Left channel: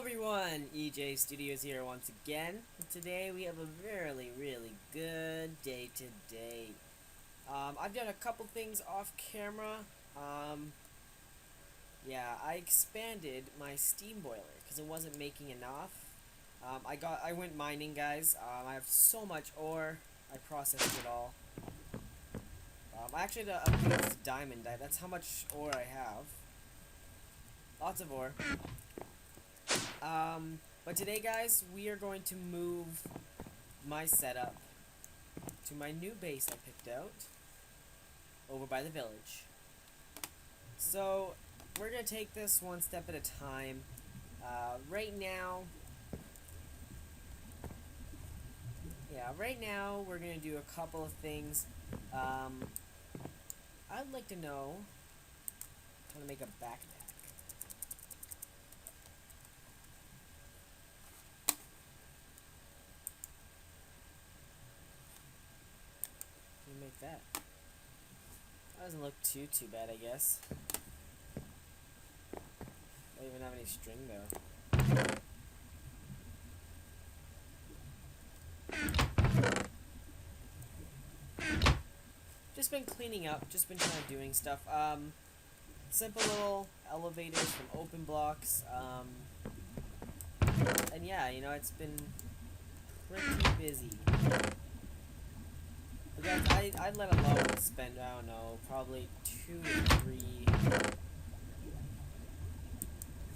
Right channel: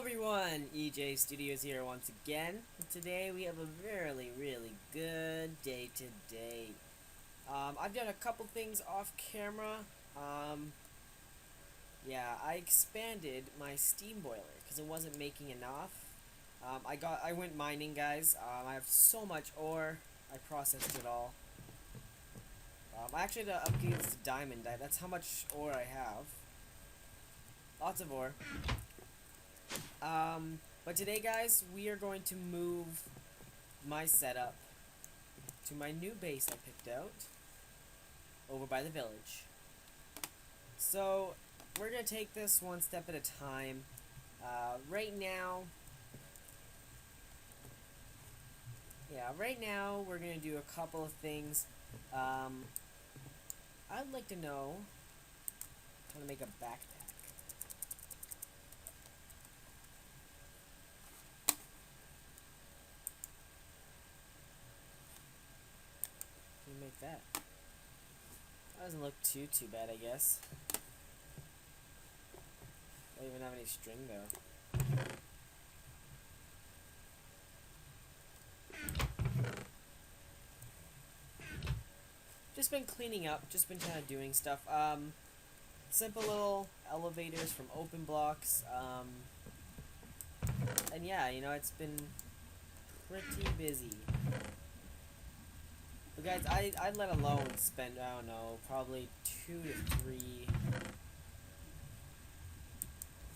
everyone, EJ Studios here once again. Today we have a really good day today. I've done a couple things off camera. Yeah, I expanded my steam boiler because it wasn't making enough. I went mining, guys. I have so much ore. I processed it all. I actually had to upgrade this to diamond. That's how much ore I have. Lots of ore. But today, guys, we are going to move my setup to my new base I picked out over by the village. So, we're going to take this one step at a time. Right now, we're going to do a couple of things. I'd like to know how to make a backpack. Make that. That doesn't look too bad, I guess. Don't even have any string though. Just been cleaning up, just been kind of doing stuff. Simple little elevators from open blocks. And yeah, you know, it's been pretty busy. But guys, I'd let alone spend, I don't know, probably 2 to 3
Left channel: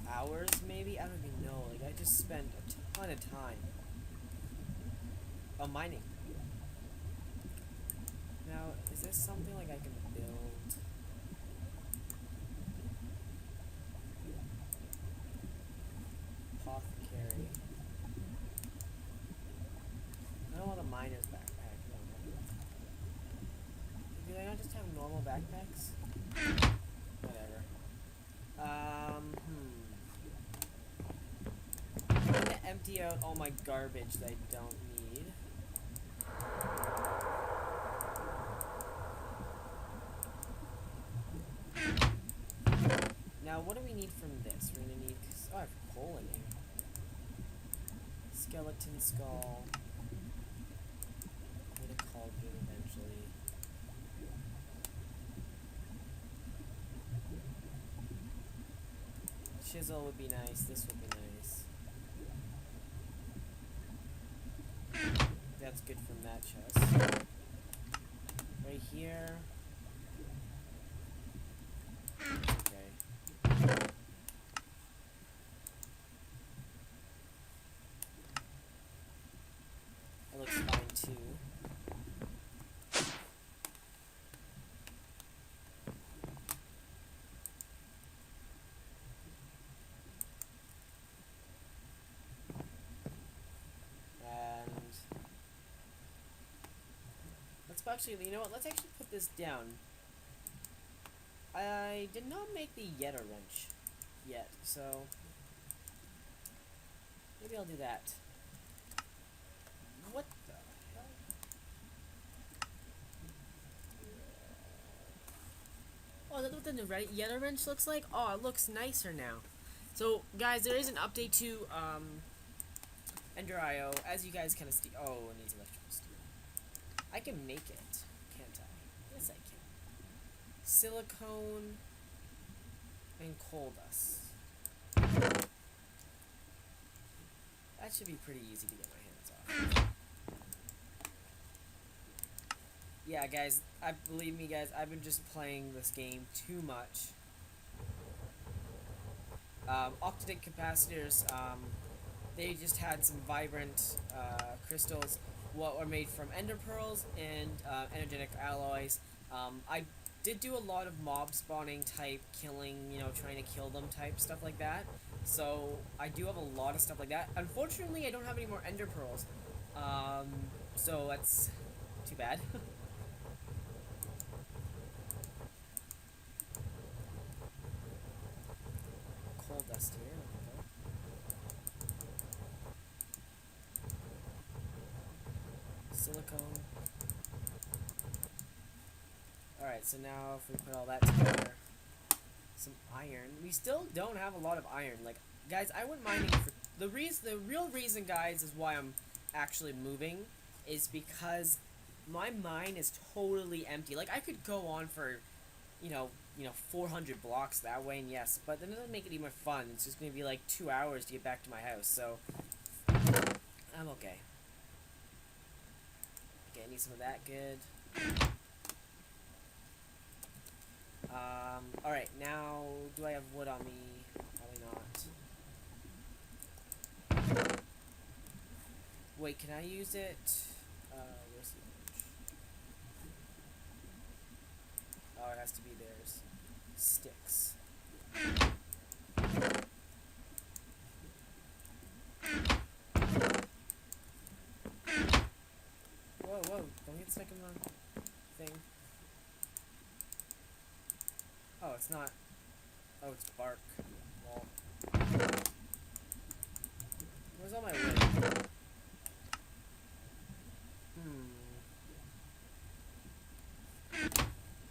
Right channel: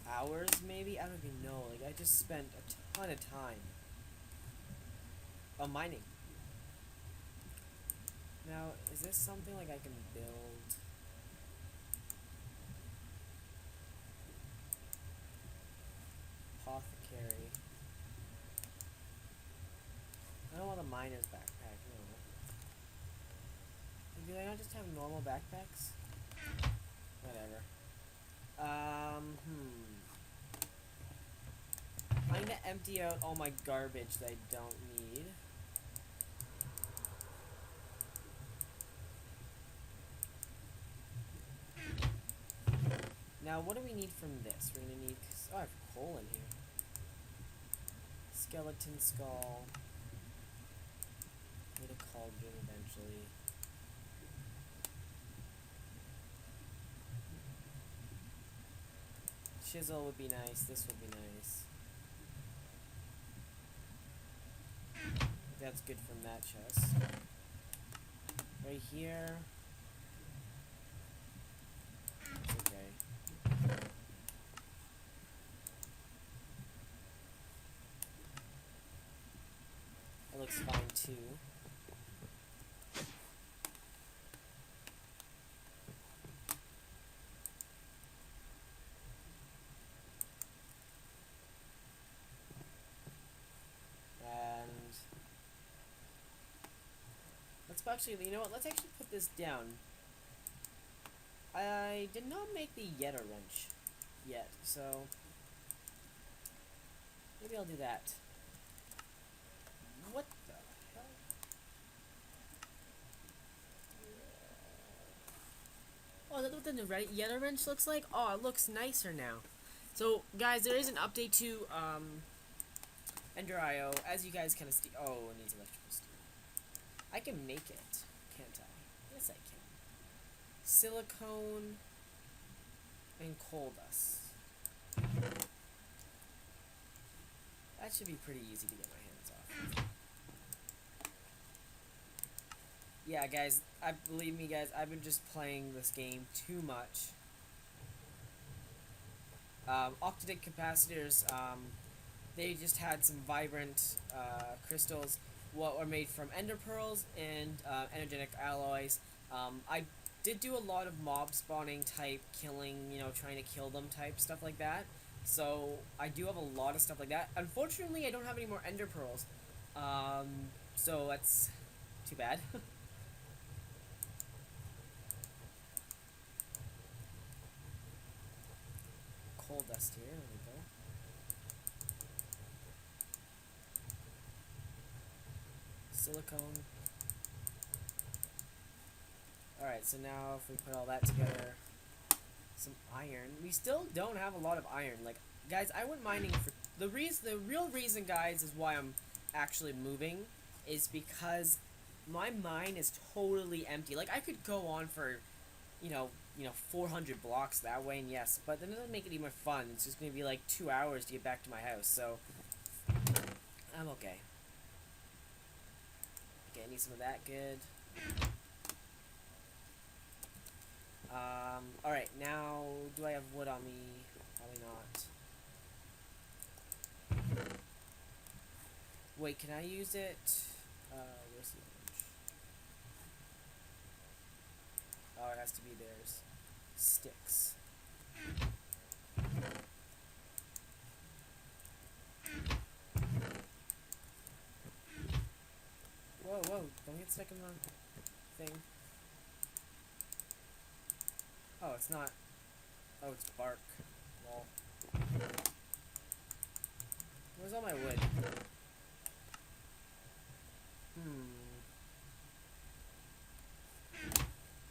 hours maybe? I don't even know. Like, I just spent a ton of time on mining. Now, is this something like I can build? Apothecary. I don't want a miner's backpack. Do they not just have normal backpacks? Whatever. I'm gonna empty out all my garbage that I don't need. Now, what do we need from this? We're gonna need... Oh, I have coal in here. Skeleton skull. Need a cauldron eventually. Chisel would be nice. This would be nice. That's good from that chest. Right here. Okay. That looks fine too. Actually, you know what? Let's actually put this down. I did not make the Yeta wrench yet, so maybe I'll do that. What the hell? Oh, is that what the Yeta wrench looks like? Oh, it looks nicer now. So, guys, there is an update to Ender.io. As you guys kind of see. Oh, it needs electrical steel. I can make it, can't I? Yes, I can. Silicone and coal dust. That should be pretty easy to get my hands off. Yeah, guys, believe me, guys, I've been just playing this game too much. Octadic capacitors, they just had some vibrant crystals. What are made from ender pearls and energetic alloys. I did do a lot of mob spawning type killing, you know, trying to kill them type stuff like that. So I do have a lot of stuff like that. Unfortunately, I don't have any more ender pearls. So that's too bad. Coal dust here. There we go. Silicone. Alright, so now if we put all that together, some iron. We still don't have a lot of iron. Like, Guys, I went mining for the real reason, guys, is why I'm actually moving is because my mine is totally empty. Like I could go on for, you know, 400 blocks that way, and yes, but that doesn't make it even fun. It's just gonna be like 2 hours to get back to my house, so I'm okay. Okay, I need some of that. Good. Alright, now, do I have wood on me? Probably not. Wait, can I use it? Where's the orange? Oh, it has to be theirs. Sticks. Whoa, whoa, don't get stuck in the thing. Oh, it's not. Oh, it's bark. Wall. Where's all my wood?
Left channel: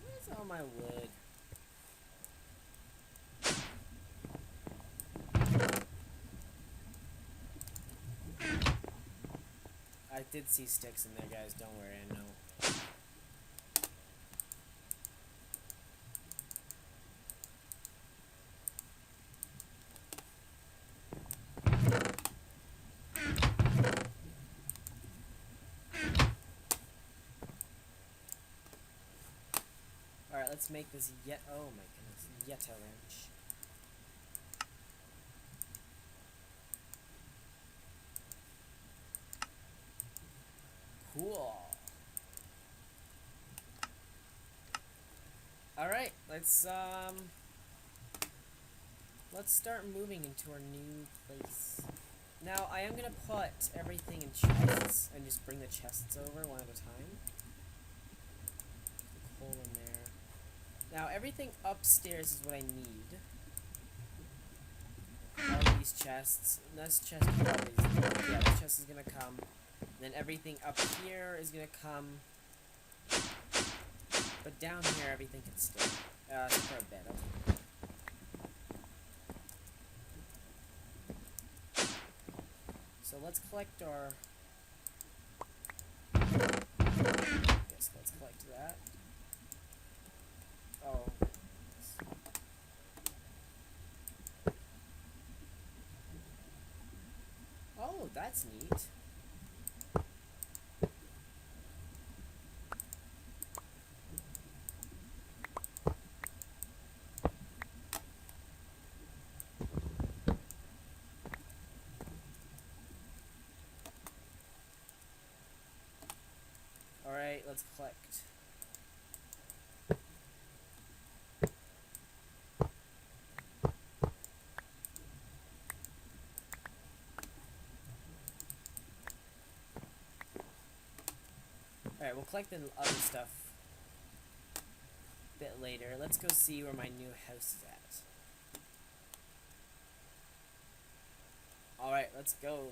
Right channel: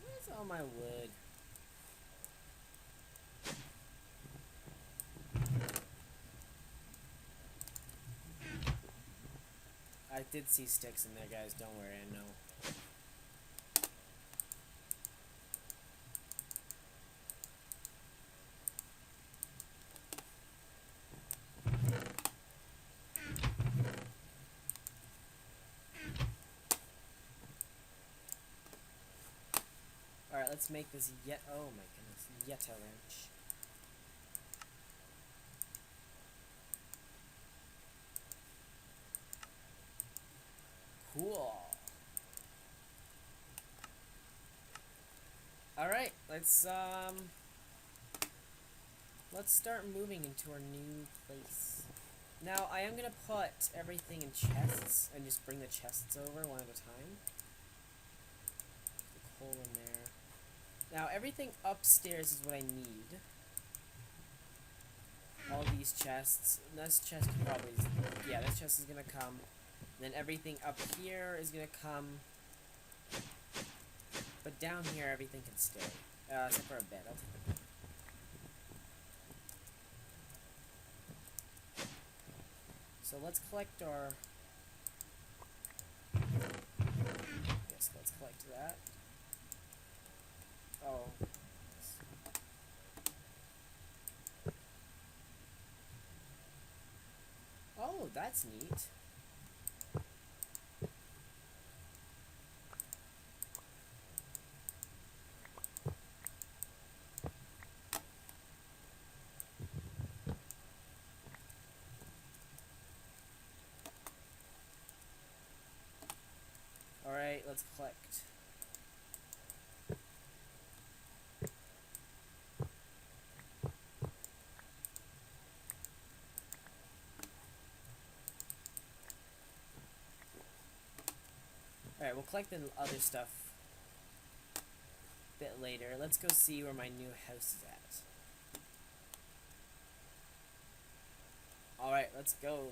Where's all my wood? I did see sticks in there, guys. Don't worry, I know. Alright, let's make this yet. Oh my goodness. Yeta wrench. Cool. Alright, let's start moving into our new place. Now, I am gonna put everything in chests and just bring the chests over one at a time. Put the coal in there. Now, everything upstairs is what I need. All these chests. This chest probably is, yeah, this chest is gonna come. Then everything up here is gonna come. But down here, everything can stay. Except for a bed. I'll take a bed. So let's collect our... Yes, let's collect that. Oh. Oh, that's neat. Alright, let's collect. Alright, we'll collect the other stuff a bit later. Let's go see where my new house is at. Alright, let's go.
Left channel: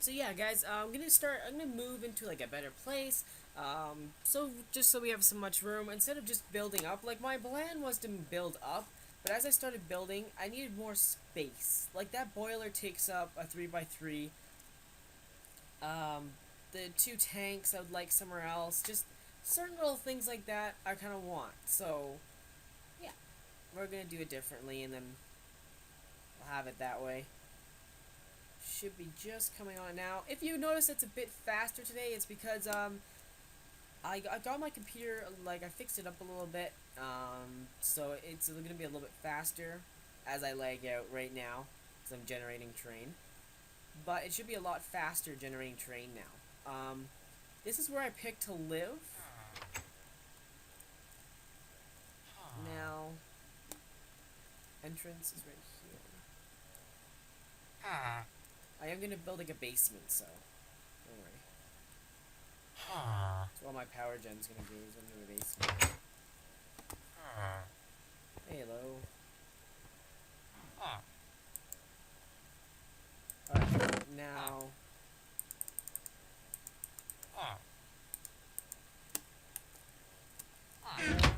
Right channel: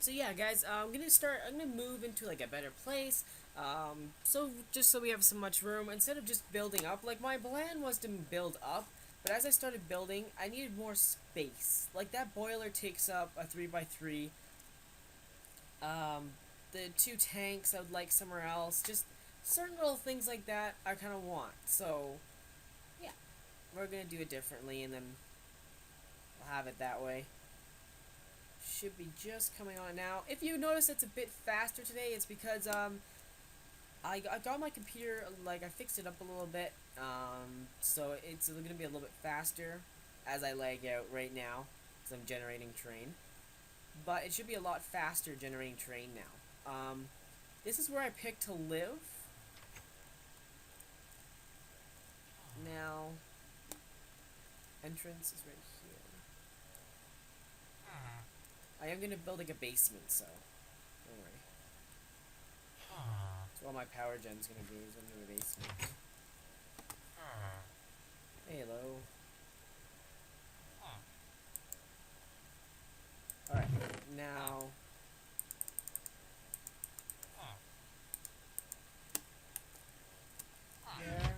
So yeah, guys, I'm gonna move into like a better place. So just so we have so much room, instead of just building up, like my plan was to build up, but as I started building, I needed more space. Like that boiler takes up a 3x3. The 2 tanks I would like somewhere else. Just certain little things like that I kind of want. So yeah, we're gonna do it differently, and then we'll have it that way. Should be just coming on now. If you notice it's a bit faster today, it's because I got my computer, like I fixed it up a little bit, so it's gonna be a little bit faster as I lag out right now because I'm generating terrain. But it should be a lot faster generating terrain now. This is where I picked to live. Now, entrance is right here. I am gonna build like a basement, so don't worry. That's all my power gen's gonna be, is into a basement. Hey, hello. Alright, now... There.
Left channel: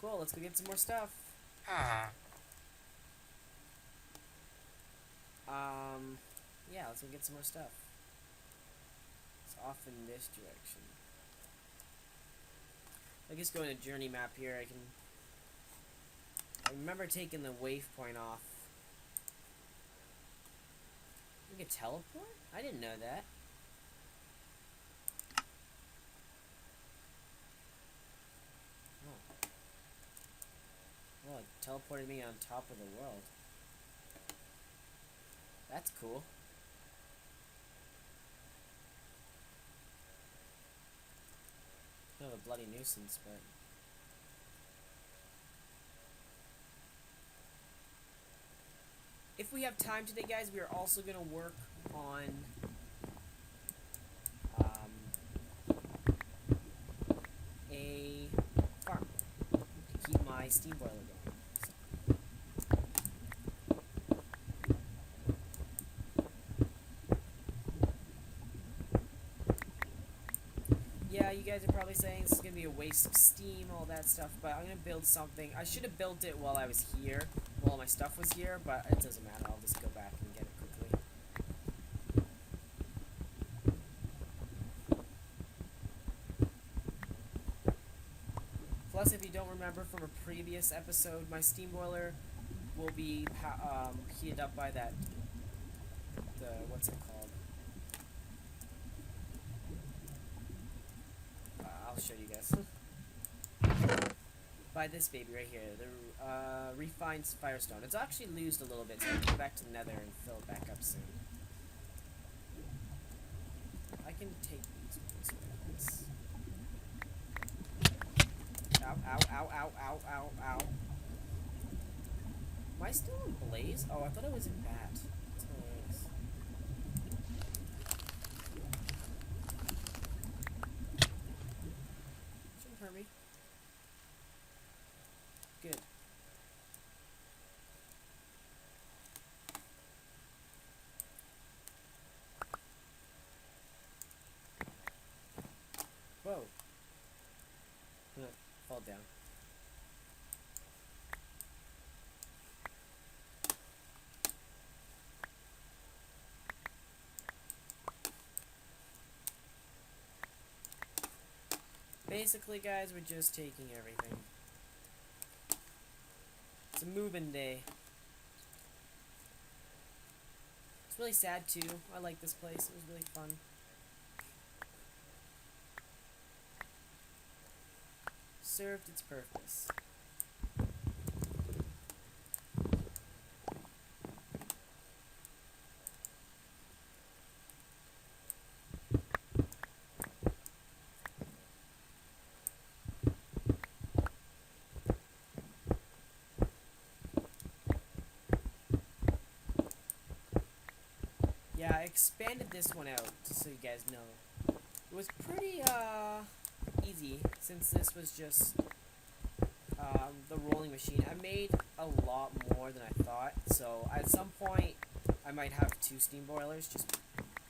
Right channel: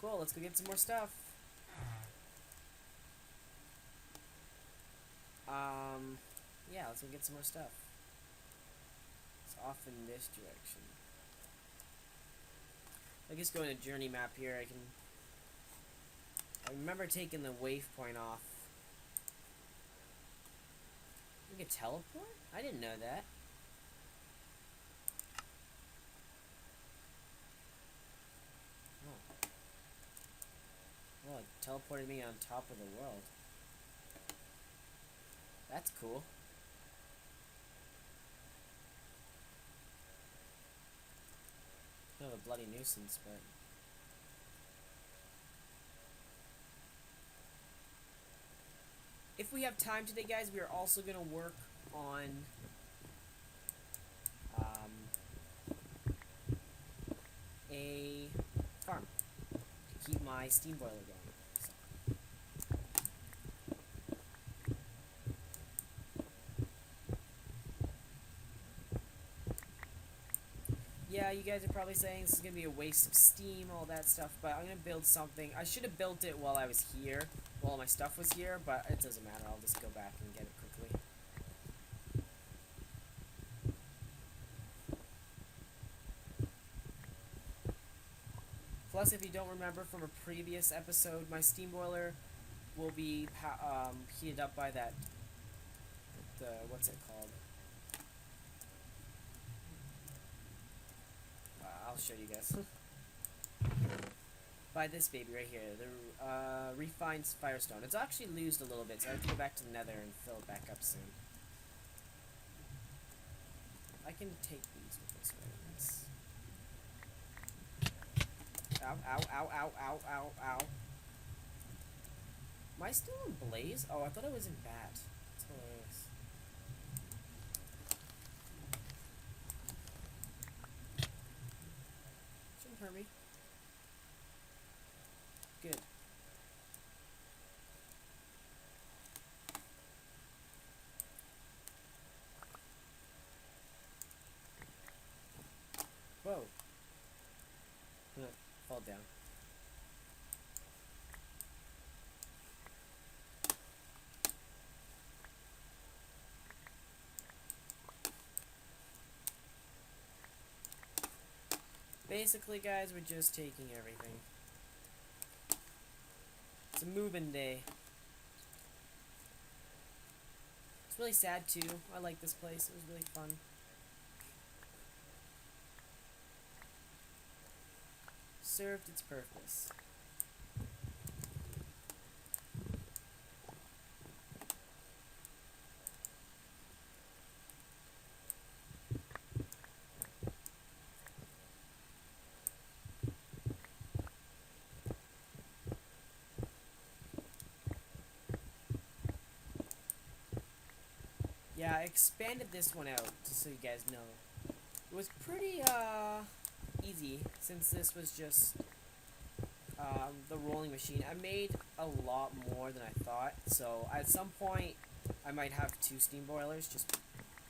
Cool. let's go get some more stuff. Yeah, let's go get some more stuff. It's off in this direction. I guess going to journey map here, I remember taking the waypoint off. We can teleport? I didn't know that. Oh. Oh, it teleported me on top of the world. That's cool. Kind of a bloody nuisance, but... If we have time today, guys, we are also going to work on... a farm to keep my steam boiler going. Yeah, you guys are probably saying this is going to be a waste of steam, all that stuff, but I'm going to build something. I should have built it while I was here, while my stuff was here, but it doesn't matter. I'll just go back and get it quickly. Plus, if you don't remember from a previous episode, my steam boiler will be heated up by what's it called? I'll show you guys. By this baby right here, the refined firestone. It's actually loosed a little bit, so I have to go back to the nether and fill it back up soon. I can take these with this way. Ow, ow, ow, ow, ow, ow, ow. Am I still in blaze? Oh, I thought I was in bat. That's hilarious. Shouldn't hurt me. Good. Whoa. I'm gonna fall down. Basically, guys, we're just taking everything. It's a moving day. It's really sad, too. I like this place. It was really fun. Served its purpose. Yeah, I expanded this one out, just so you guys know. It was pretty, easy, since this was just, the rolling machine. I made a lot more than I thought, so at some point, I might have 2 steam boilers, just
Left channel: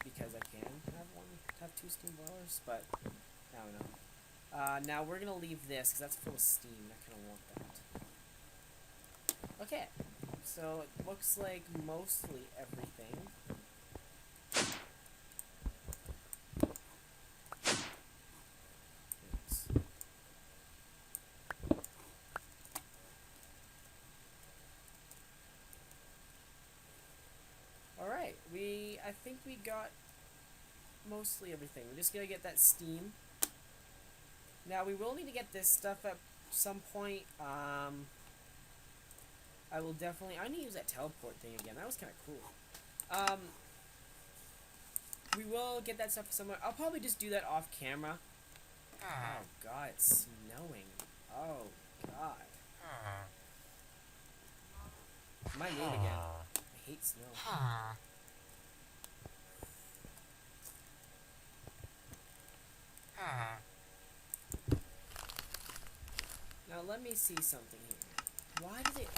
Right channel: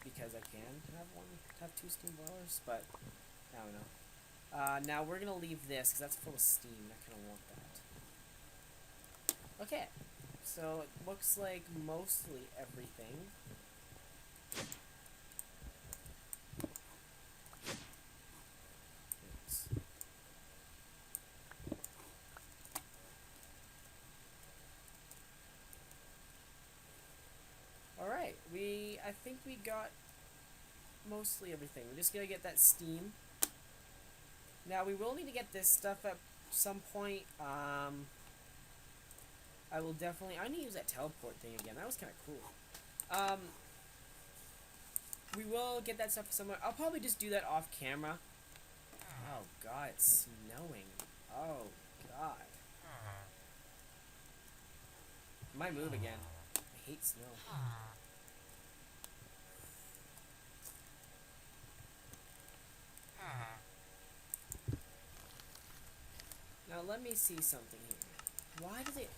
because I can have 2 steam boilers, but, I don't know. Now we're gonna leave this, because that's full of steam, I kinda want that. Okay, so it looks like mostly everything. Alright, I think we got mostly everything. We're just gonna get that steam. Now, we will need to get this stuff at some point. I need to use that teleport thing again. That was kind of cool. We will get that stuff somewhere. I'll probably just do that off camera. Oh, God, it's snowing. Oh, God. Might move again. I hate snow. Now let me see something here. Why did it...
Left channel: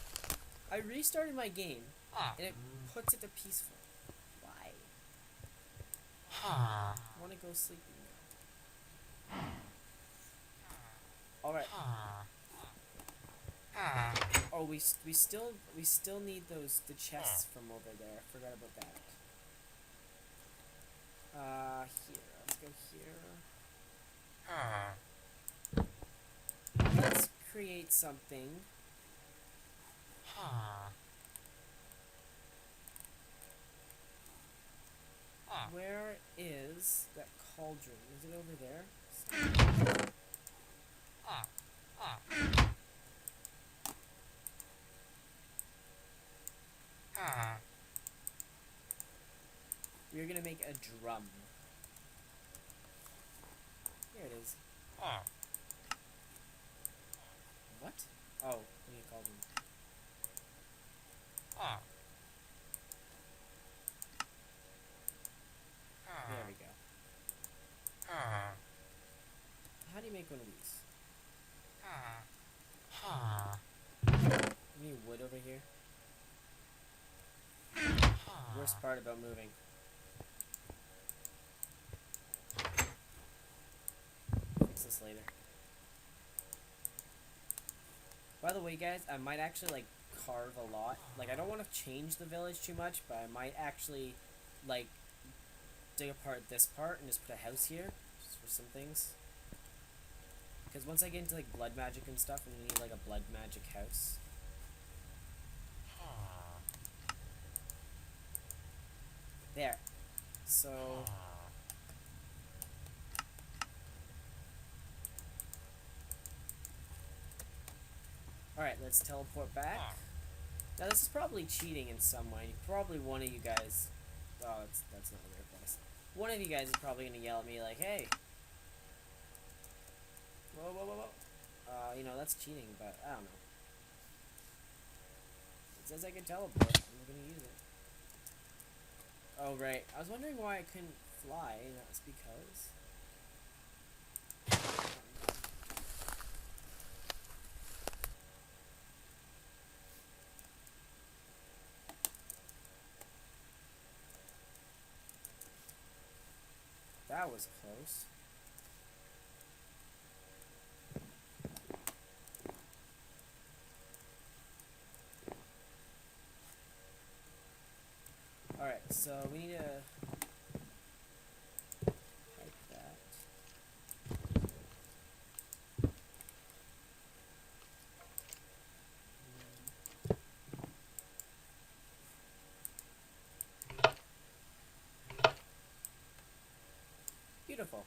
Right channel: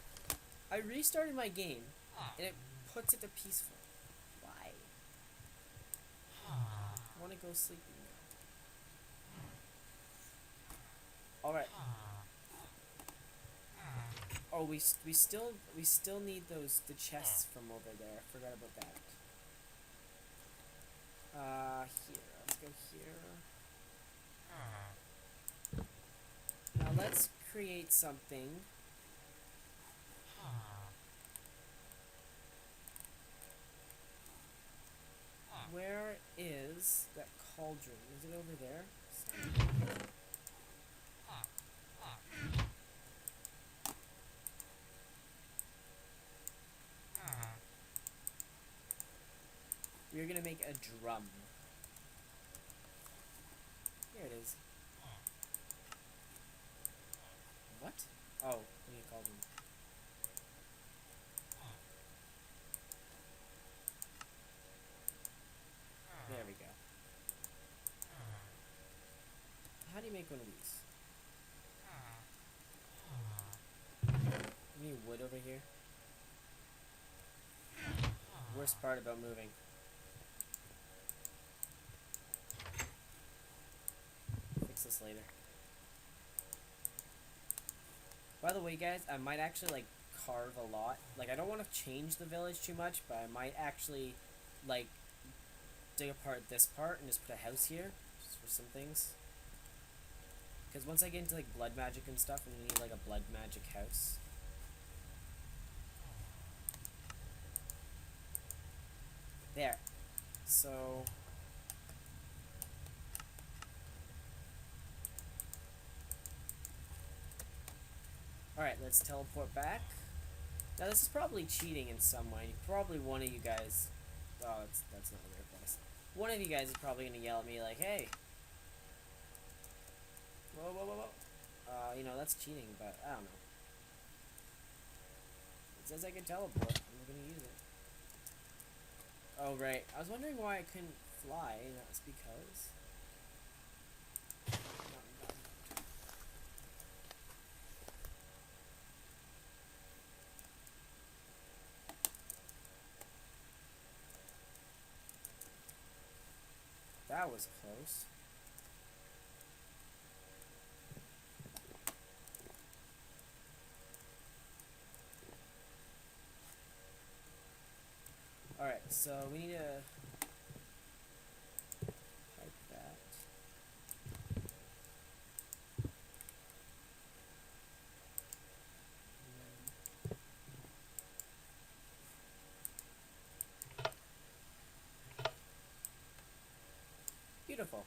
I restarted my game, and it puts it to peaceful. Why? I want to go sleeping now. Alright. Oh, we still need the chests from over there. Forgot about that. Here. Let's go here. Let's create something. Where is that cauldron? Is it over there? We're gonna make a drum. Here it is. What? Oh, we need a cauldron. There we go. How do you make one of these? We need wood over here. Worst part about moving. Fix this later. By the way, guys, I might actually, like, carve a lot. Like, I don't want to change the village too much, but I might actually, like, dig apart this part and just put a house here, just for some things. Because once I get into, like, blood magic and stuff, I'm gonna need, like, a blood magic house. There. So... Alright, let's teleport back. Now, this is probably cheating in some way. Probably one of you guys... Oh, that's not a rare place. One of you guys is probably going to yell at me like, hey! Whoa, whoa, whoa, whoa. You know, that's cheating, but I don't know. It says I can teleport. I'm going to use it. Oh, right. I was wondering why I couldn't fly, and that's because... That was close. Alright, so we need to type that. Beautiful.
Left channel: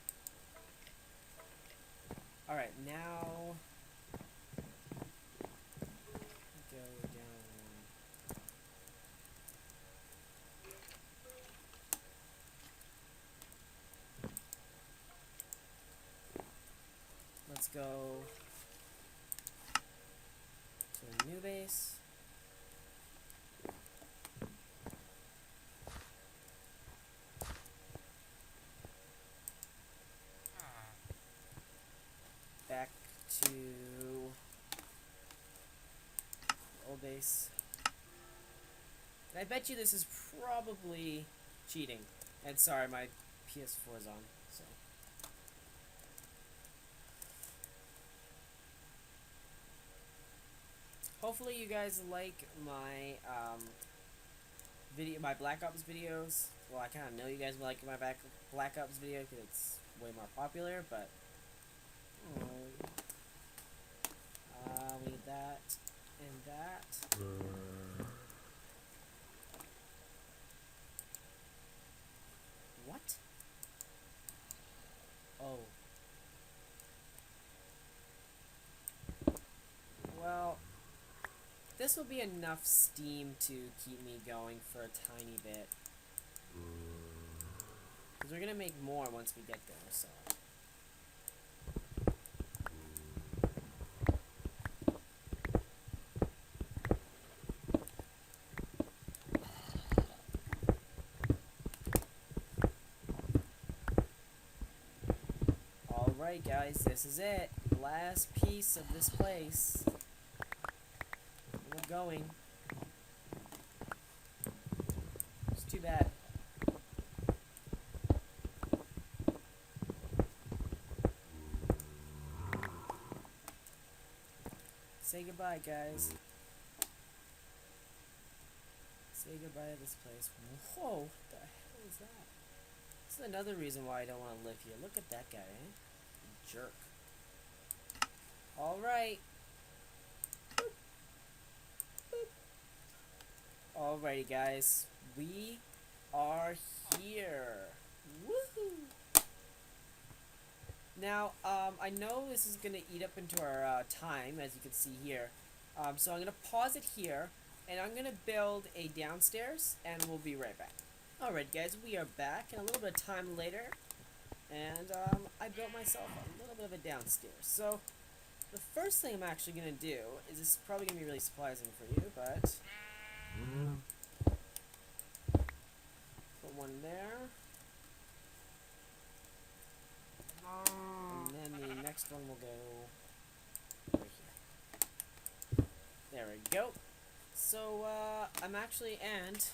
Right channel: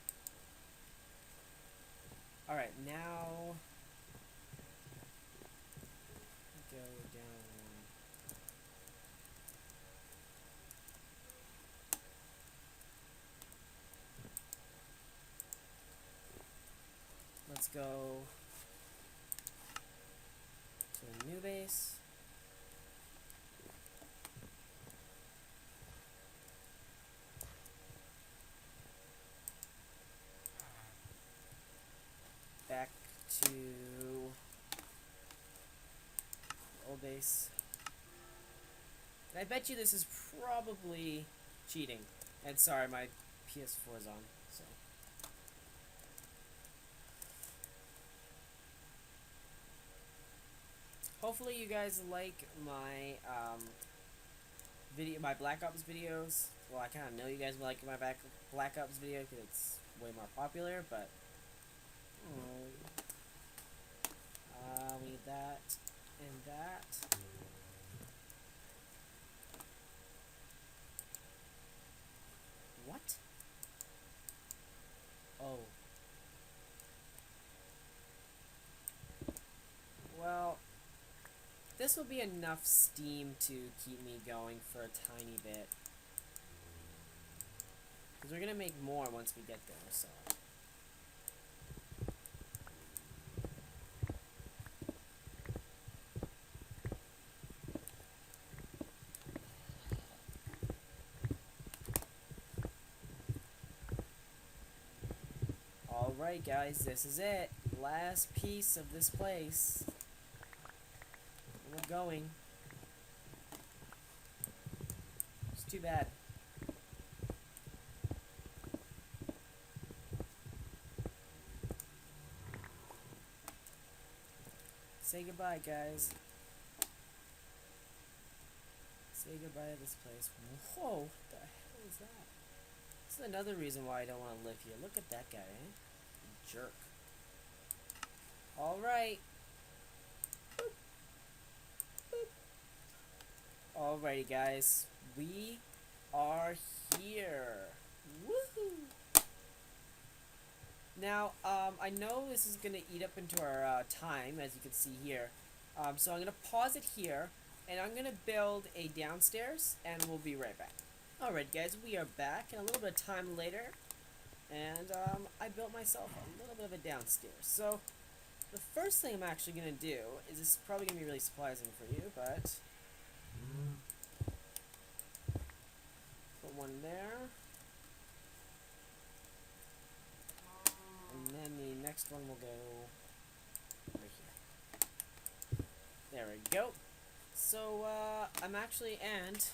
Alright, now go down. Let's go to a new base. Back to old base. And I bet you this is probably cheating. And sorry, my PS4 is on, so. Hopefully you guys like my my Black Ops videos. Well, I kind of know you guys like my Black Ops video because it's way more popular, but we need that and that. What? Oh. Well, this will be enough steam to keep me going for a tiny bit. Because we're going to make more once we get there, so... Alright guys, this is it. Last piece of this place. We're going. It's too bad. Say goodbye, guys. Say goodbye to this place. Whoa, what the hell is that? This is another reason why I don't want to live here. Look at that guy, eh? Jerk. Alright. Alrighty, guys. We are here. Woohoo! Now, I know this is going to eat up into our time, as you can see here. So I'm going to pause it here, and I'm going to build a downstairs, and we'll be right back. Alright, guys, we are back, and a little bit of time later, and I built myself a little bit of a downstairs. So, the first thing I'm actually going to do is, this is probably going to be really surprising for you, but put one there. And then the next one will go right here. There we go. So, I'm actually, and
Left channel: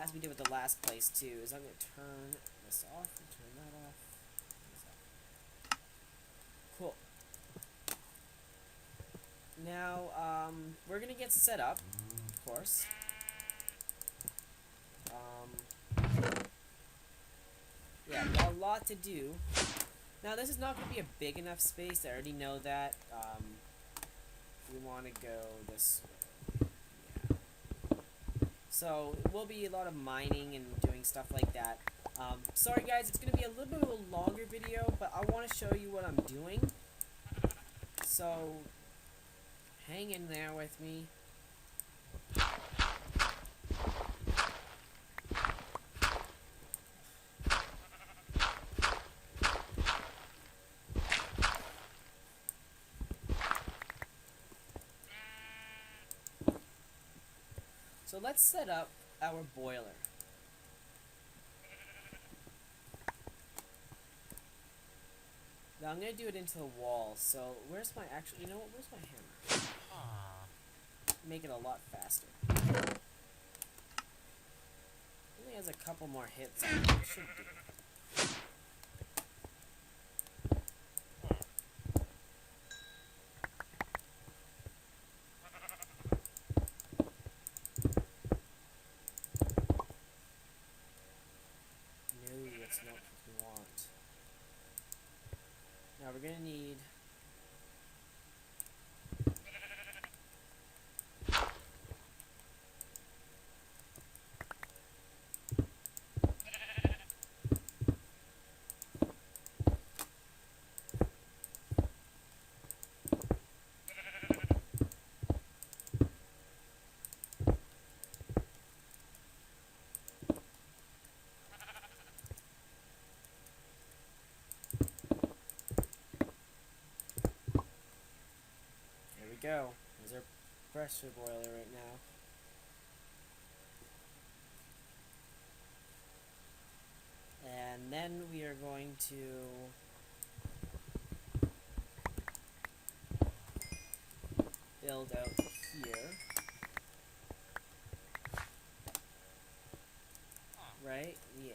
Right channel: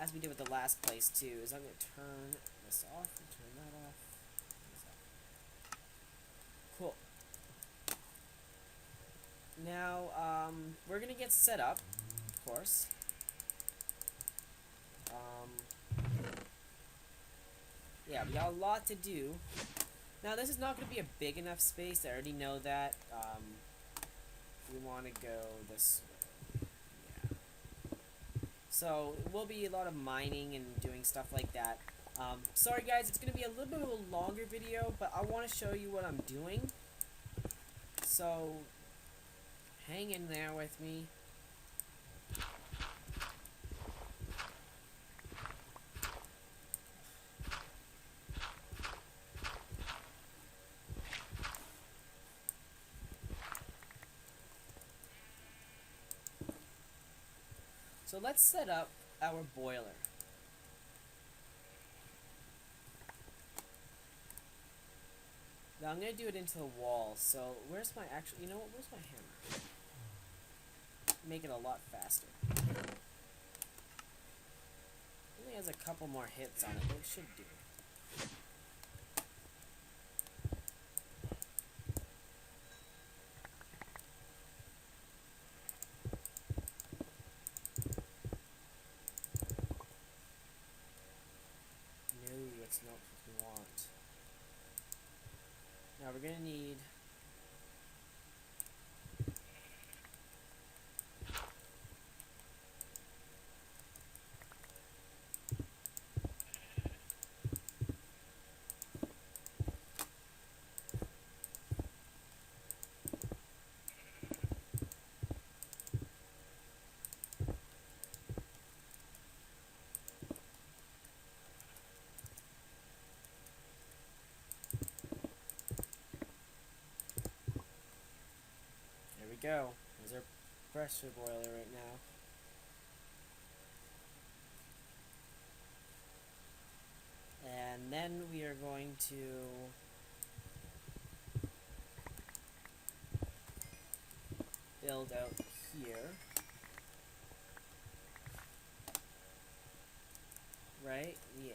as we did with the last place too, is I'm going to turn this off and turn that off. Cool. Now, we're going to get set up, of course. Yeah, we got a lot to do. Now, this is not going to be a big enough space. I already know that. We want to go this way. Yeah. So, it will be a lot of mining and doing stuff like that. Sorry, guys, it's going to be a little bit of a longer video, but I want to show you what I'm doing. So, hang in there with me. So let's set up our boiler. Now I'm going to do it into the wall, so where's my actual, you know what, where's my hammer? Make it a lot faster. Only has a couple more hits on it, it should do. Not what we want. Now we're gonna need go. There's our pressure boiler right now. And then we are going to build out here. Right? Yeah.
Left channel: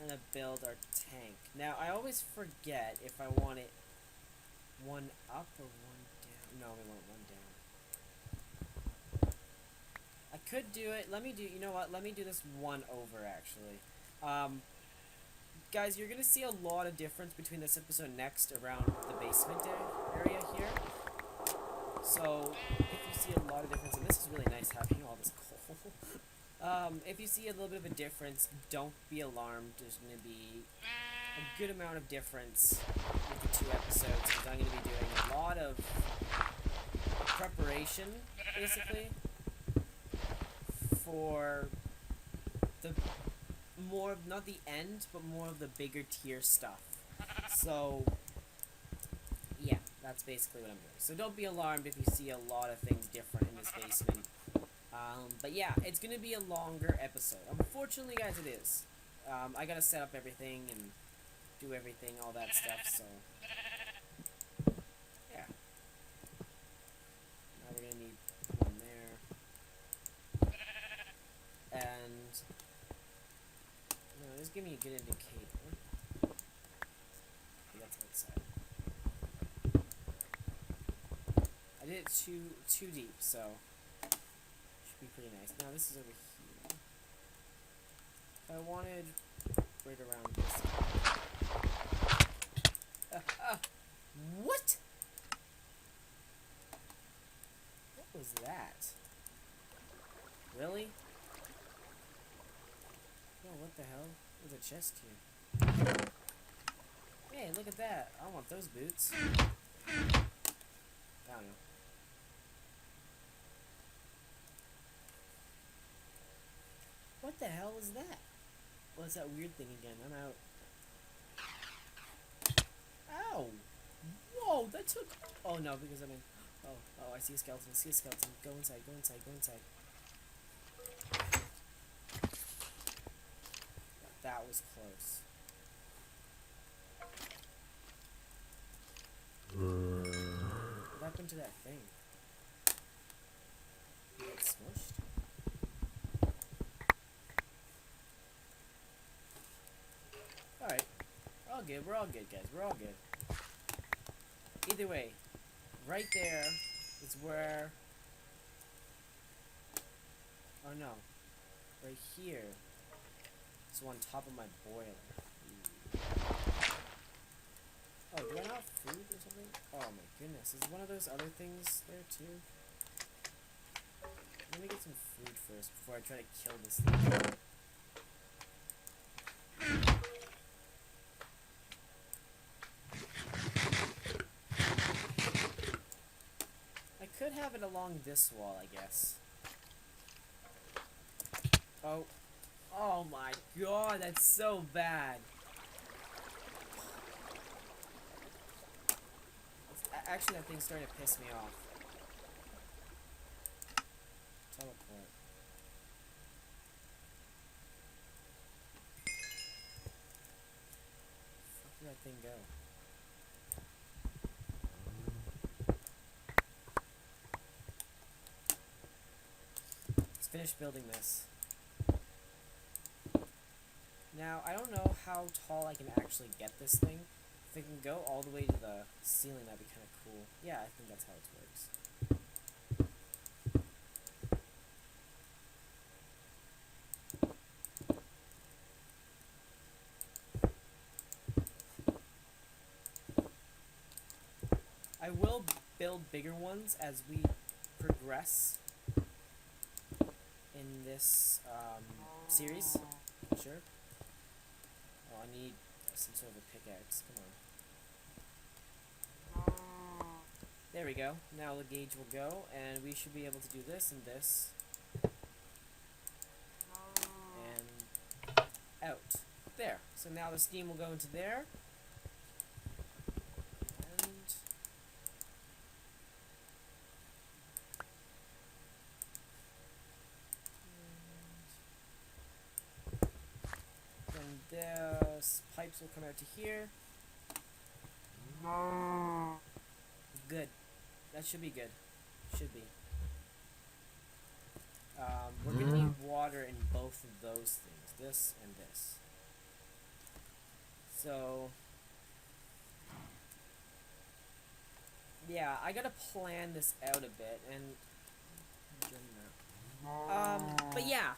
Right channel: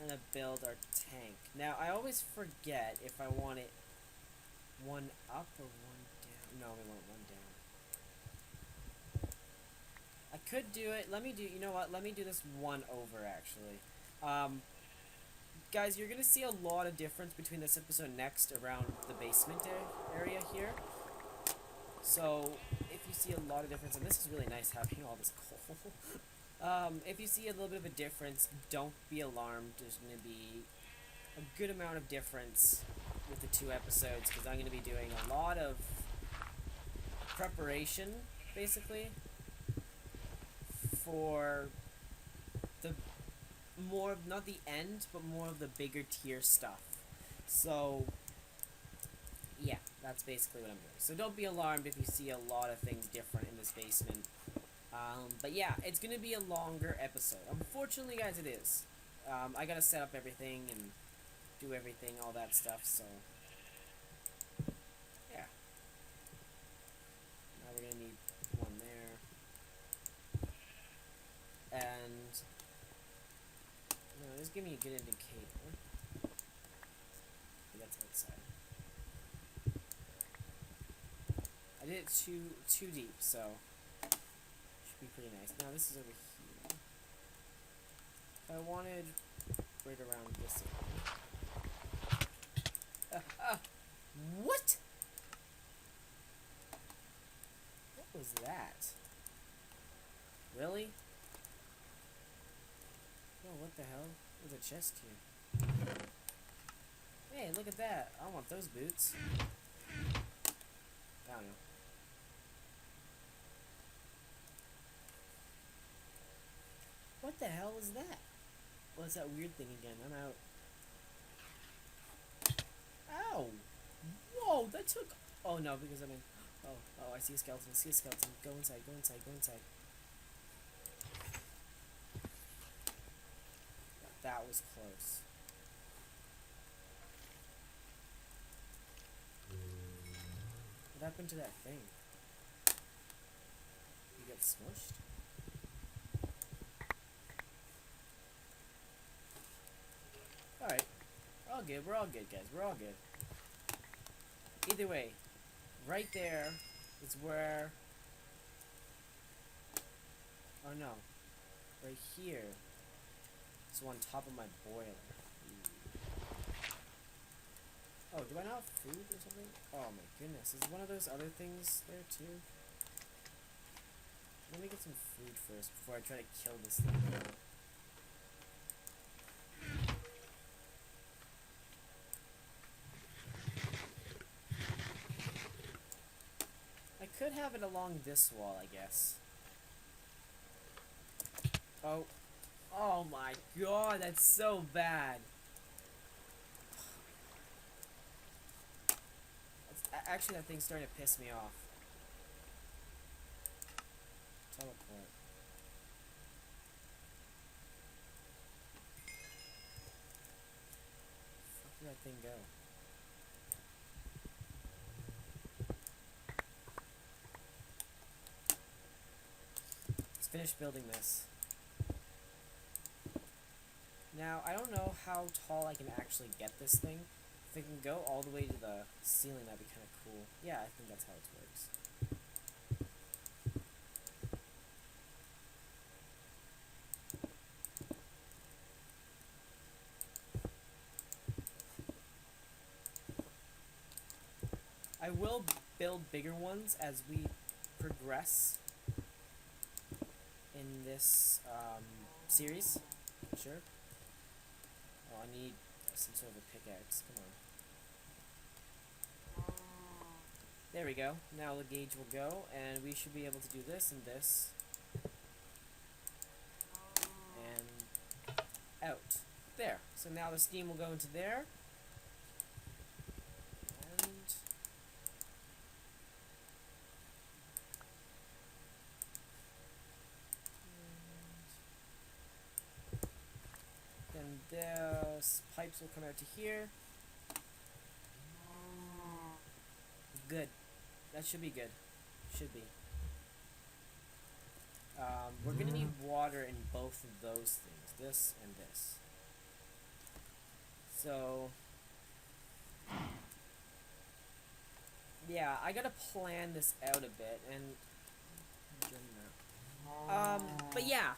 I'm gonna build our tank. Now, I always forget if I want it one up or one down. No, we want one down. I could do it. Let me do, you know what? Let me do this one over, actually. Guys, you're going to see a lot of difference between this episode next around the basement area here. So, if you see a lot of difference, and this is really nice having all this coal. If you see a little bit of a difference, don't be alarmed. There's going to be a good amount of difference with the two episodes, because I'm going to be doing a lot of preparation, basically, for the more of, not the end, but more of the bigger tier stuff. So, yeah, that's basically what I'm doing. So don't be alarmed if you see a lot of things different in this basement. But yeah, it's going to be a longer episode. Unfortunately, guys, it is. I got to set up everything and do everything, all that stuff, so yeah. Now we're gonna need one there, and no, just give me a good indicator. Okay, that's outside. I it too deep, so should be pretty nice. Now this is over here. I wanted right around this. What? What was that? Really? Oh, what the hell? There's a chest here. Hey, look at that. I want those boots. I don't know. What the hell is that? What's that weird thing again? I'm out. Ow! Whoa, that took... Oh, no, because I'm in... Oh, I see a skeleton. I see a skeleton. Go inside, go inside, go inside. That was close. What happened to that thing? Did it get smushed? Alright. We're all good. We're all good, guys. We're all good. Either way, right there is where... Oh, no. Right here. It's on top of my boiler. Oh, do I not have food or something? Oh my goodness. Is one of those other things there too? Let me get some food first before I try to kill this thing. I could have it along this wall, I guess. Oh. Oh my god, that's so bad. Actually, that thing's starting to piss me off. Teleport. Where did that thing go? Let's finish building this. Now, I don't know how tall I can actually get this thing. If it can go all the way to the ceiling, that'd be kind of cool. Yeah, I think that's how it works. I will build bigger ones as we progress in this series. Sure. Oh, I need some sort of a pickaxe. Come on. There we go. Now the gauge will go, and we should be able to do this and this. And out. There. So now the steam will go into there. And the pipes will come out to here. Good. That should be good. Should be. We're gonna need water in both of those things. This and this. So... yeah, I gotta plan this out a bit, and... but yeah.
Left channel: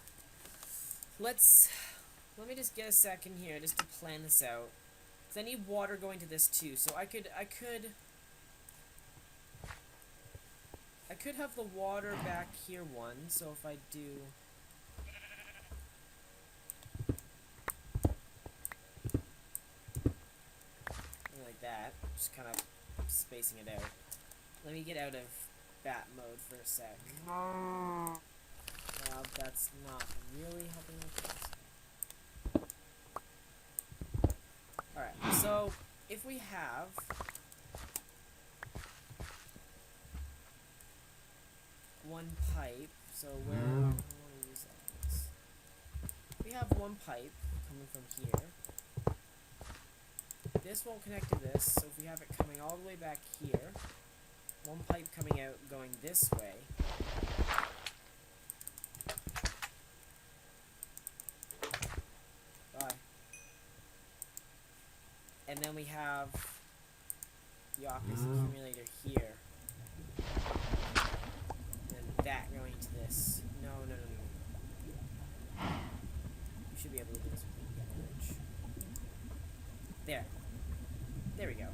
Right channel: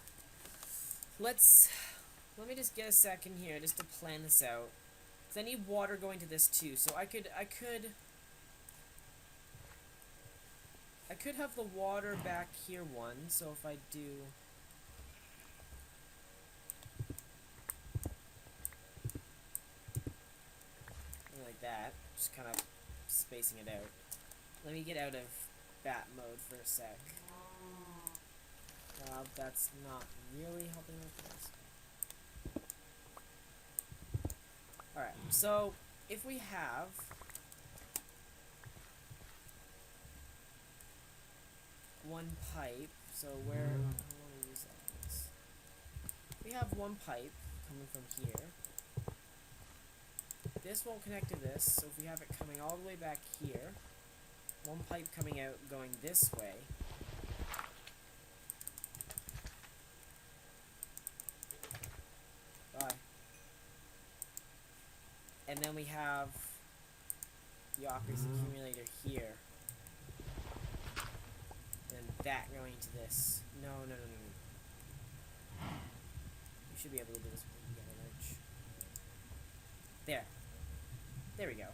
Let me just get a second here, just to plan this out. Because I need water going to this too, so I could have the water back here one, so if I do... something like that, just kind of spacing it out. Let me get out of bat mode for a sec. That's not really helping with this. Alright, so if we have one pipe, so where I want to use that. We have one pipe coming from here. This won't connect to this, so if we have it coming all the way back here, one pipe coming out going this way. Bye. And then we have the Aqueous accumulator here. that going into this. No, no, no, no, no. You should be able to do this with the yellow wrench. There. There we go.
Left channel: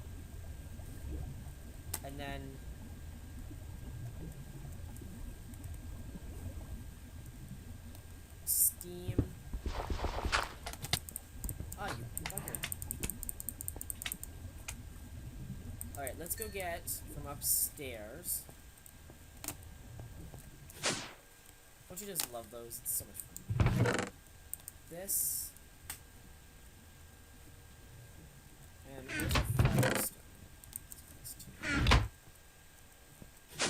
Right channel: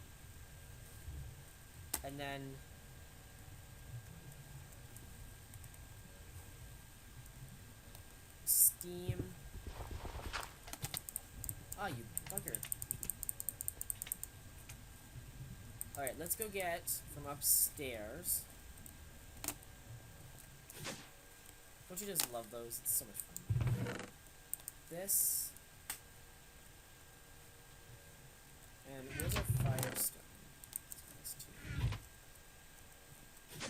And then... steam. Ah, you bugger. Alright, let's go get from upstairs. Don't you just love those? It's so much fun. This. And where's our firestone? Let's do this too.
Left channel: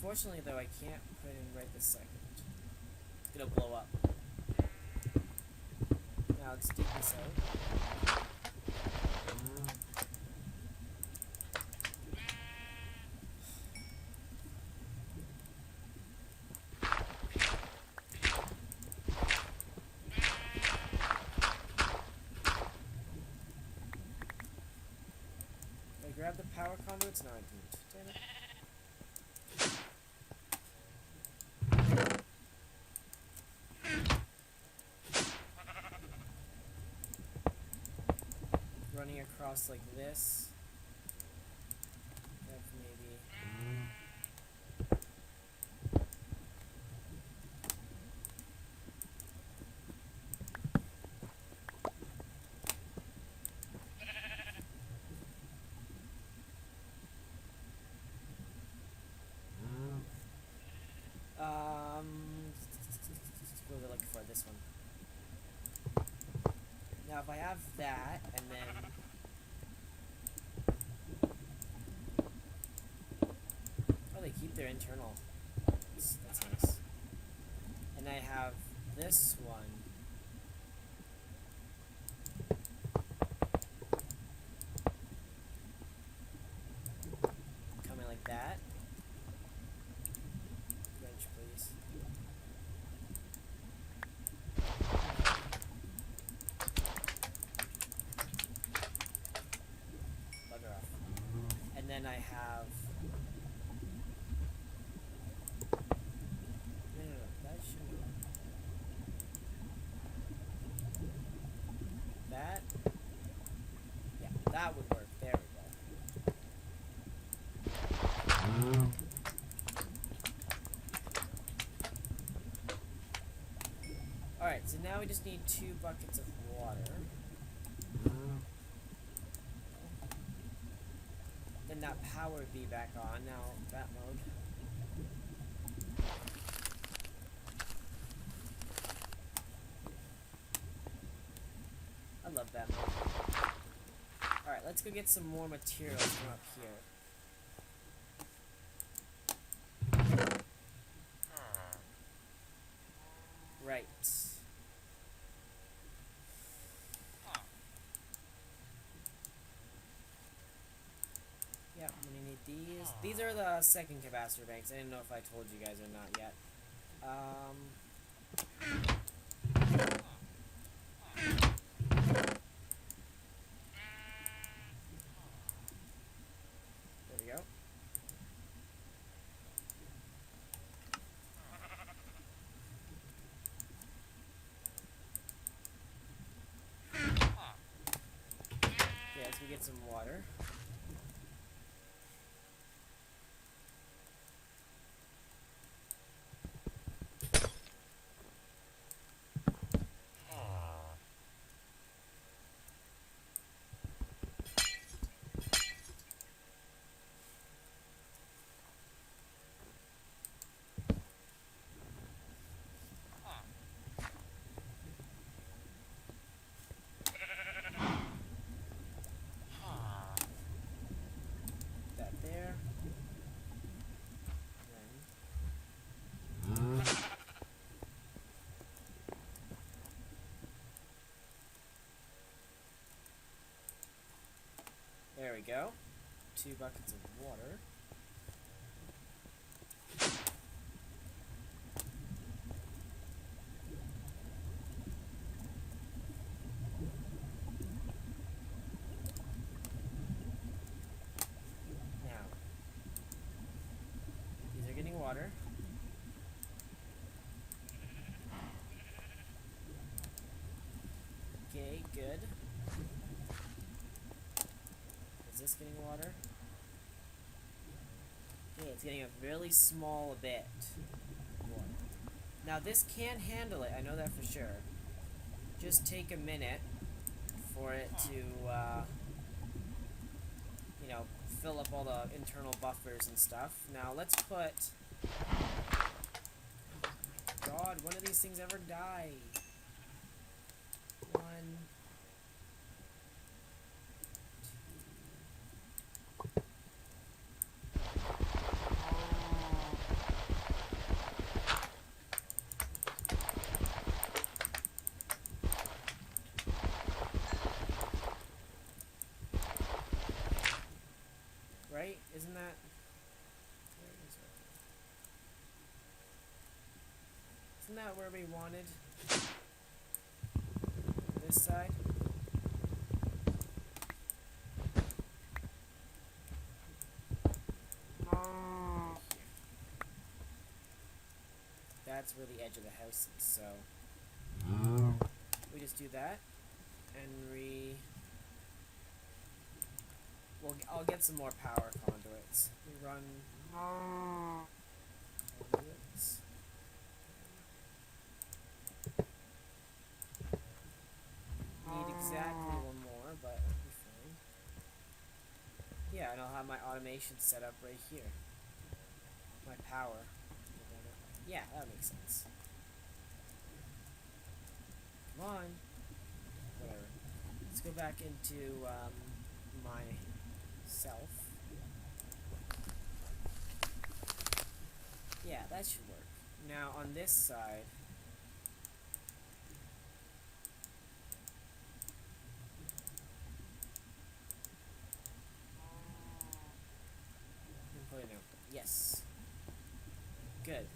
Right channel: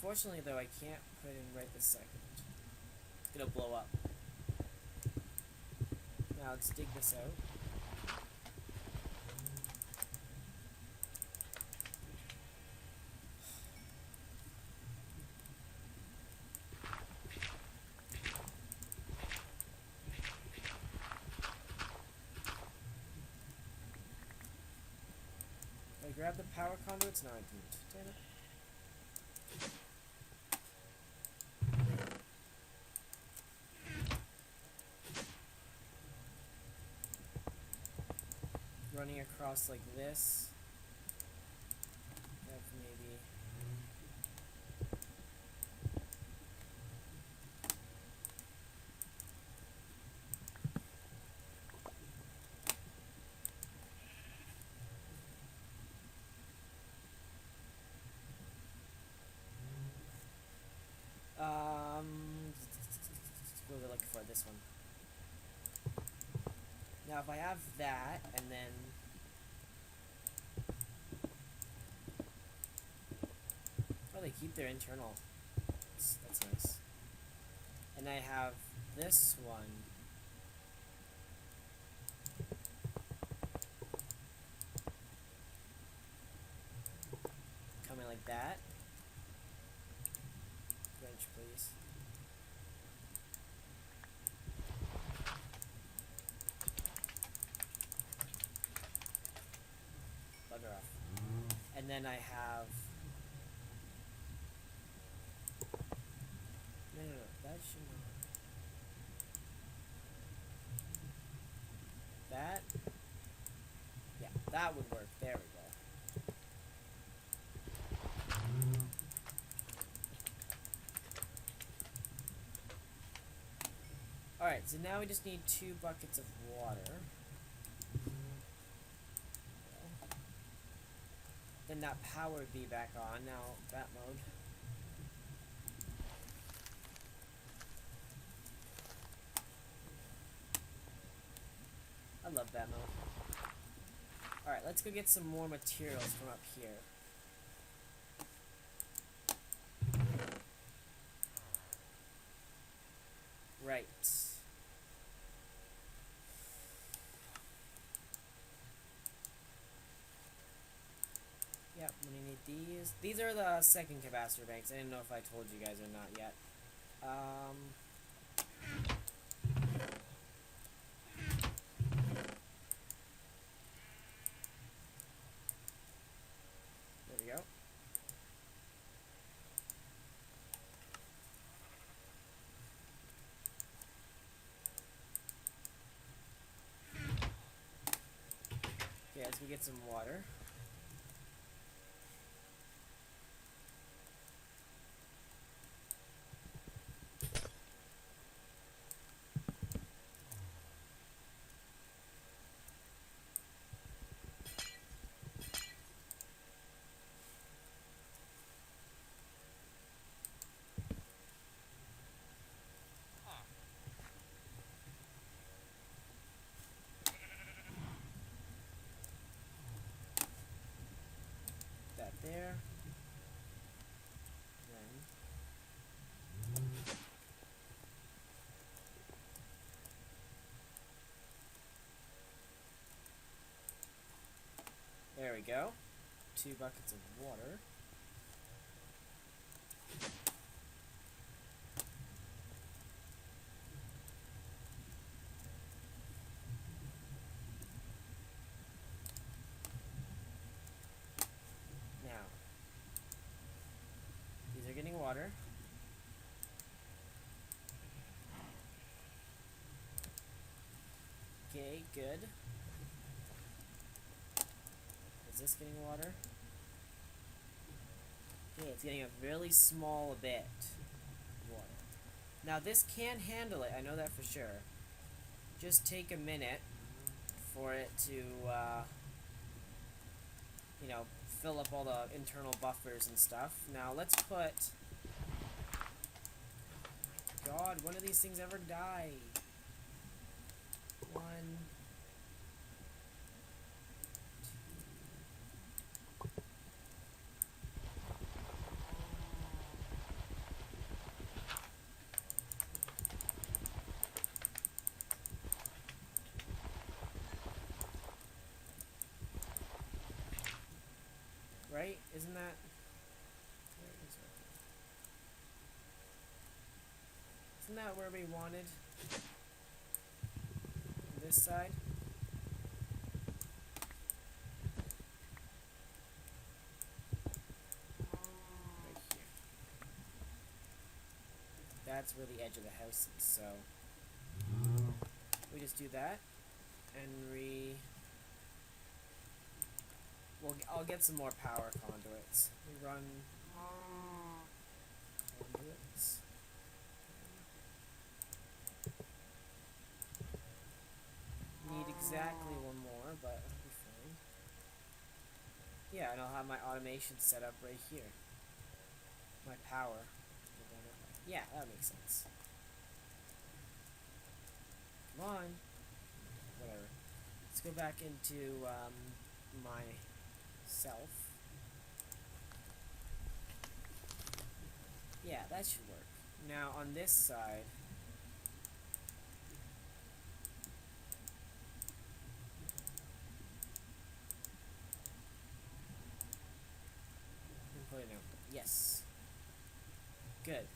Fortunately, though, I can't put it in right this second. It's gonna blow up. Now let's dig this out. Did I grab the power conduits? No, I didn't. Damn it. Running across like this. That's maybe. What was I looking for? This one. Now, if I have that, and then... oh, they keep their internal. That's nice. And I have this one. Coming like that. Wrench, please. And then I have... no, that should... that? Yeah, that would work. There we go. Alright, so now we just need 2 buckets of water. Then that power would be back on. Now, that mode. I love that mode. Alright, let's go get some more materials from up here. Right. Yep, I'm gonna need these. These are the second capacitor banks. I didn't know if I told you guys or not yet. There we go. Yeah, let's go get some water. There. Then. There we go. 2 buckets of water. Okay, good. Is this getting water? Okay, it's getting a really small bit of water. Now this can handle it, I know that for sure. Just take a minute for it to, you know, fill up all the internal buffers and stuff. Now let's put... God, when do these things ever die? One... Right? Isn't that... Isn't that where we wanted? This side? That's where the edge of the house is, so... We just do that, and I'll get some more power conduits. We run... conduits. Need exactly one more, but that'll be fine. Yeah, and I'll have my automation set up right here. My power. Yeah, that makes sense. Come on. Whatever. Let's go back into myself. Yeah, that should work. Now on this side, put it out. Yes. Good.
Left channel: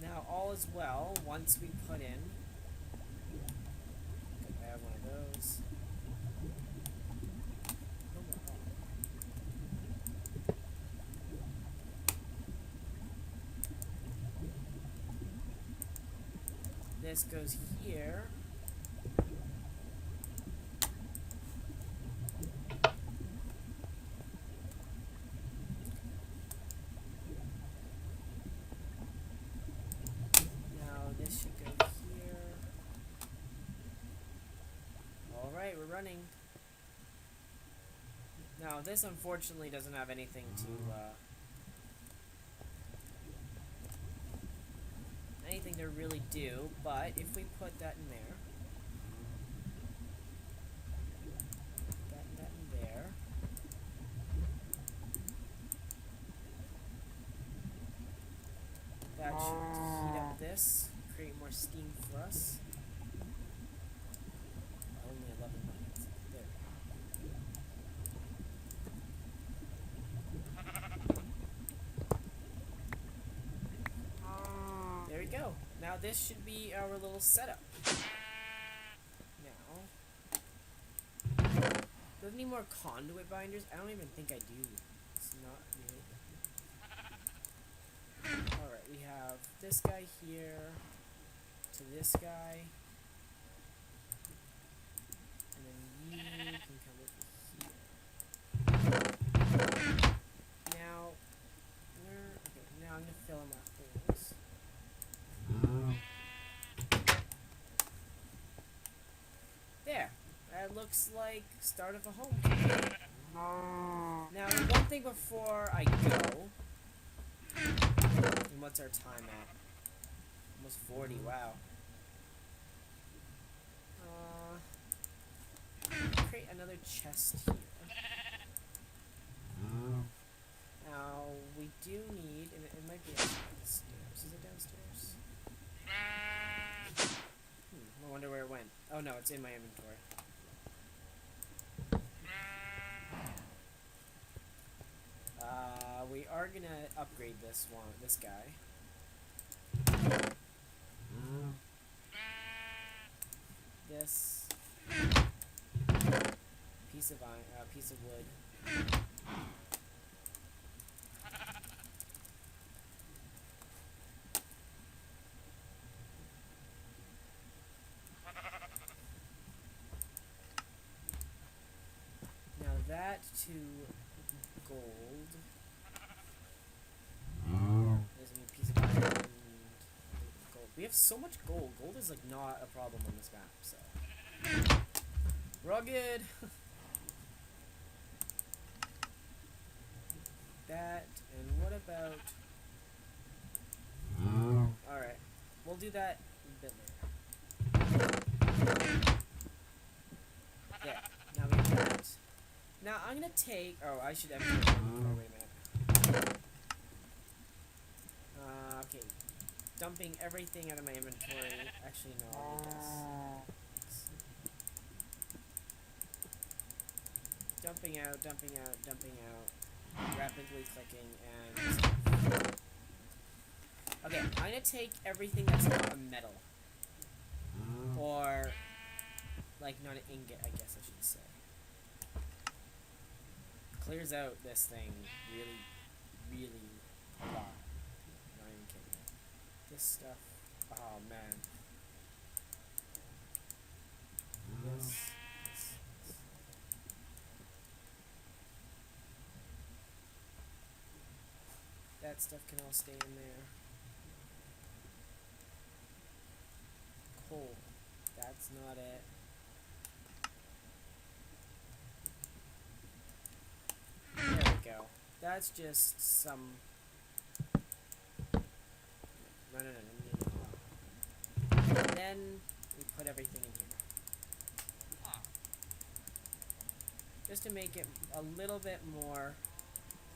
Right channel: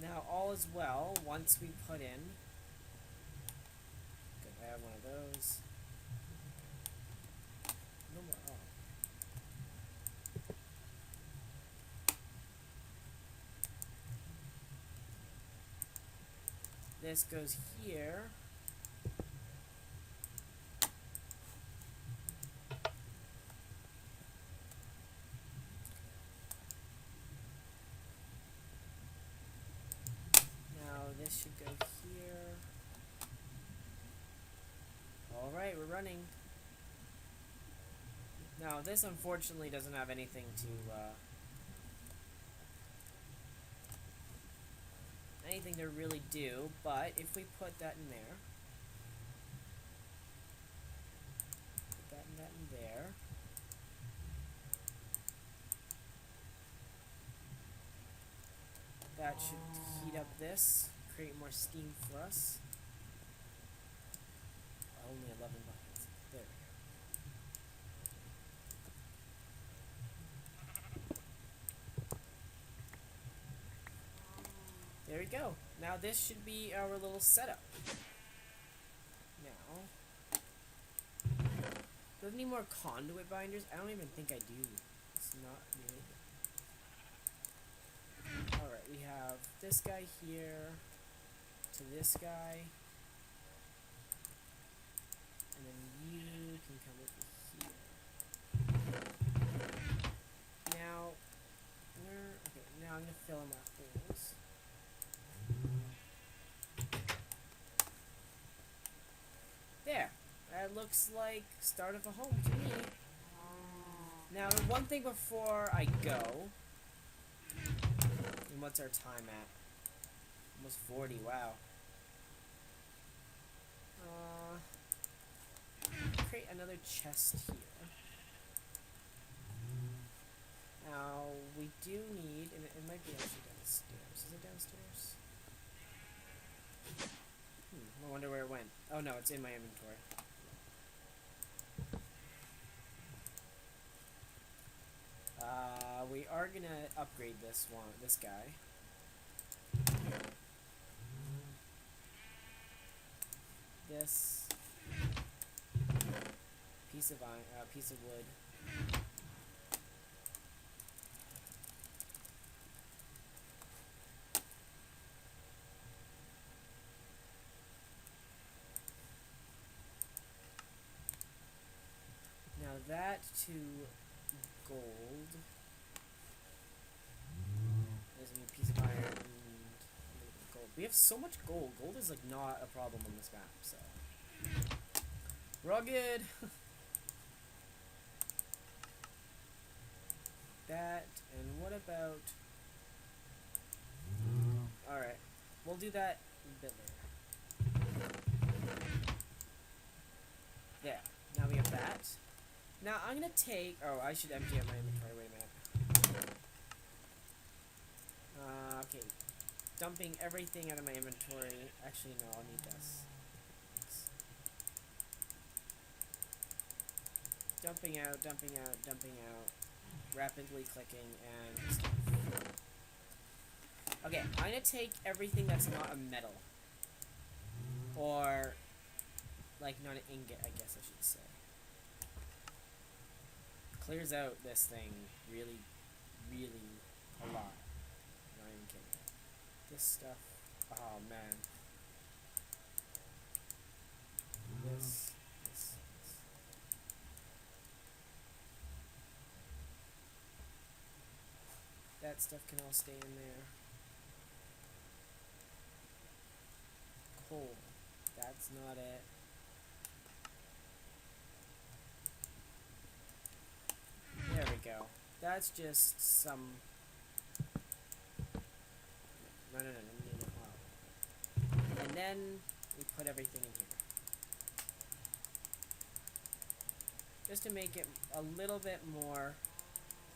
Now all is well once we put in. Good, I have one of those. No more. Oh. This goes here. This should go here. Alright, we're running. Now, this unfortunately doesn't have anything to, anything to really do, but if we put that in there, that in there, that should heat up this. Create more steam for us. Only 11 buttons. There we go. There we go. Now this should be our little setup. Now, do I have any more conduit binders? I don't even think I do. It's not really. Alright, we have this guy here. To this guy, and then you can come over here. Now, okay, now I'm gonna fill in my holes. There, that looks like start of a home to me. Now, one thing before I go, and what's our time at? Almost 40, wow. Create another chest here. Now, we do need, and it might be actually downstairs. Is it downstairs? I wonder where it went. Oh no, it's in my inventory. We are gonna upgrade this guy. This piece of wood. that to gold. There's a new piece of iron and gold. We have so much gold. Gold is like not a problem on this map, so we're all good. That, and what about... Alright, we'll do that a bit later. There, now we have that. Now I'm gonna take... Oh, I should empty my inventory. Wait a minute. Okay. Dumping everything out of my inventory. Actually, no, I'll need this. Dumping out, dumping out, dumping out. Rapidly clicking and... Okay, I'm gonna take everything that's not a metal. Or... like, not an ingot, I guess I should say. Clears out this thing really, really a lot. Not even kidding. This stuff... Oh, man. This... That stuff can all stay in there. Coal. That's not it. There we go. That's just some... No. And then we put everything in here. Just to make it a little bit more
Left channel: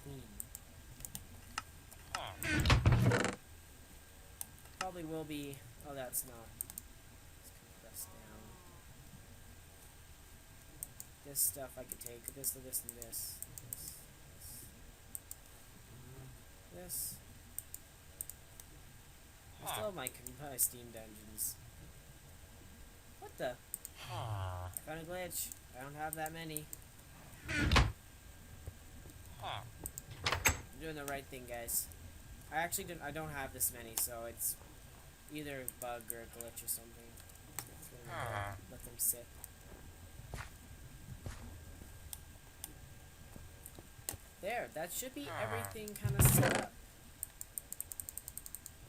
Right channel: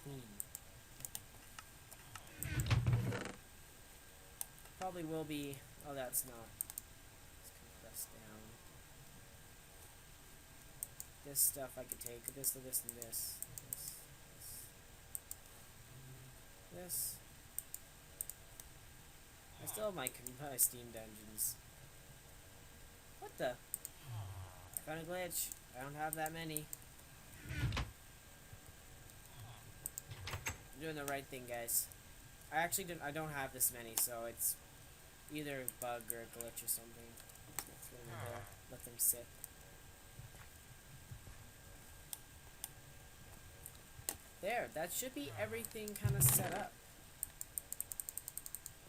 clean. Probably will be... Oh, that's not. Let's compress down. This stuff I could take. This, and this. This. I still have my Steam Dungeons. What the? I found a glitch. I don't have that many. I'm doing the right thing, guys. I don't have this many, so it's either a bug or a glitch or something. Let them sit. There, that should be everything kind of set up.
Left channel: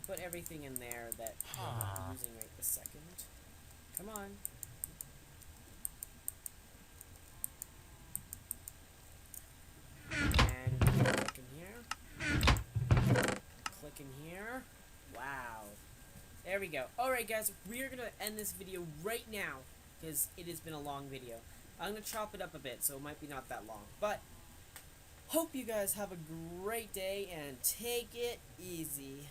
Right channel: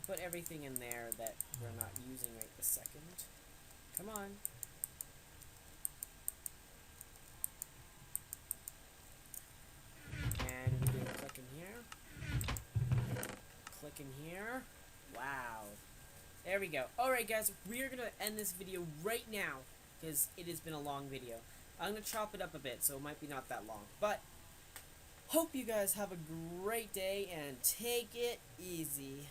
Put everything in there that we're not using right this second. Come on. And click in here. Click in here. Wow. There we go. Alright guys, we're going to end this video right now because it has been a long video. I'm going to chop it up a bit so it might be not that long. But, hope you guys have a great day and take it easy.